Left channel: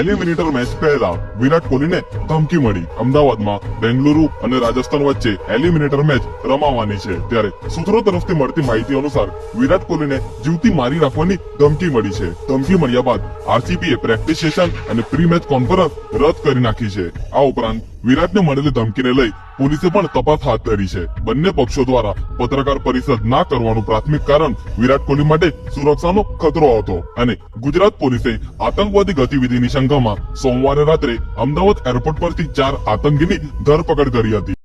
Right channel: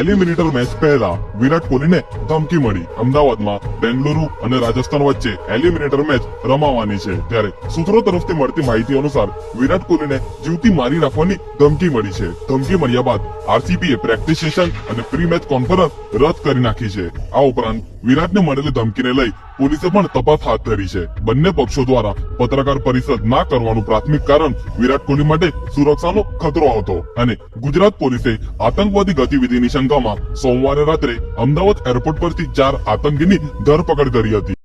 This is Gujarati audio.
એલિમિનેટર મેચ પહેલા વિરાટ કોહલીને ધમકી મળી. અમદાવાદમાં બેંગલુરુ અને રાજસ્થાન વચ્ચે એલિમિનેટર મેચ રમાવાની છે, ત્યારે સૂત્રો તરફથી મળતી માહિતી અનુસાર વિરાટ કોહલીને જીવતી મારી નાખવાની ધમકી મળી છે. ધમકી મળ્યા બાદ આરસીબીએ પ્રેક્ટિસ સેશન અને પ્રી મેચ કોન્ફરન્સ રદ કરી નાખી છે. આ ઉપરાંત વિરાટને મળેલી ધમકીને લઈ પોલીસે પણ તપાસ હાથ ધરી છે. બંને પક્ષો દ્વારા પત્રકાર પરિષદ ના કરવાનું પ્રાથમિક કારણ વિરાટ કોહલી માટે સુરક્ષાનો ખતરો હતો અને ગુજરાત પોલીસે આતંકવાદી ગતિવિધિની શંકામાં સોમવારે રાત્રે અમદાવાદ એરપોર્ટ પરથી 4 આતંકીની ધરપકડ કરી હતી.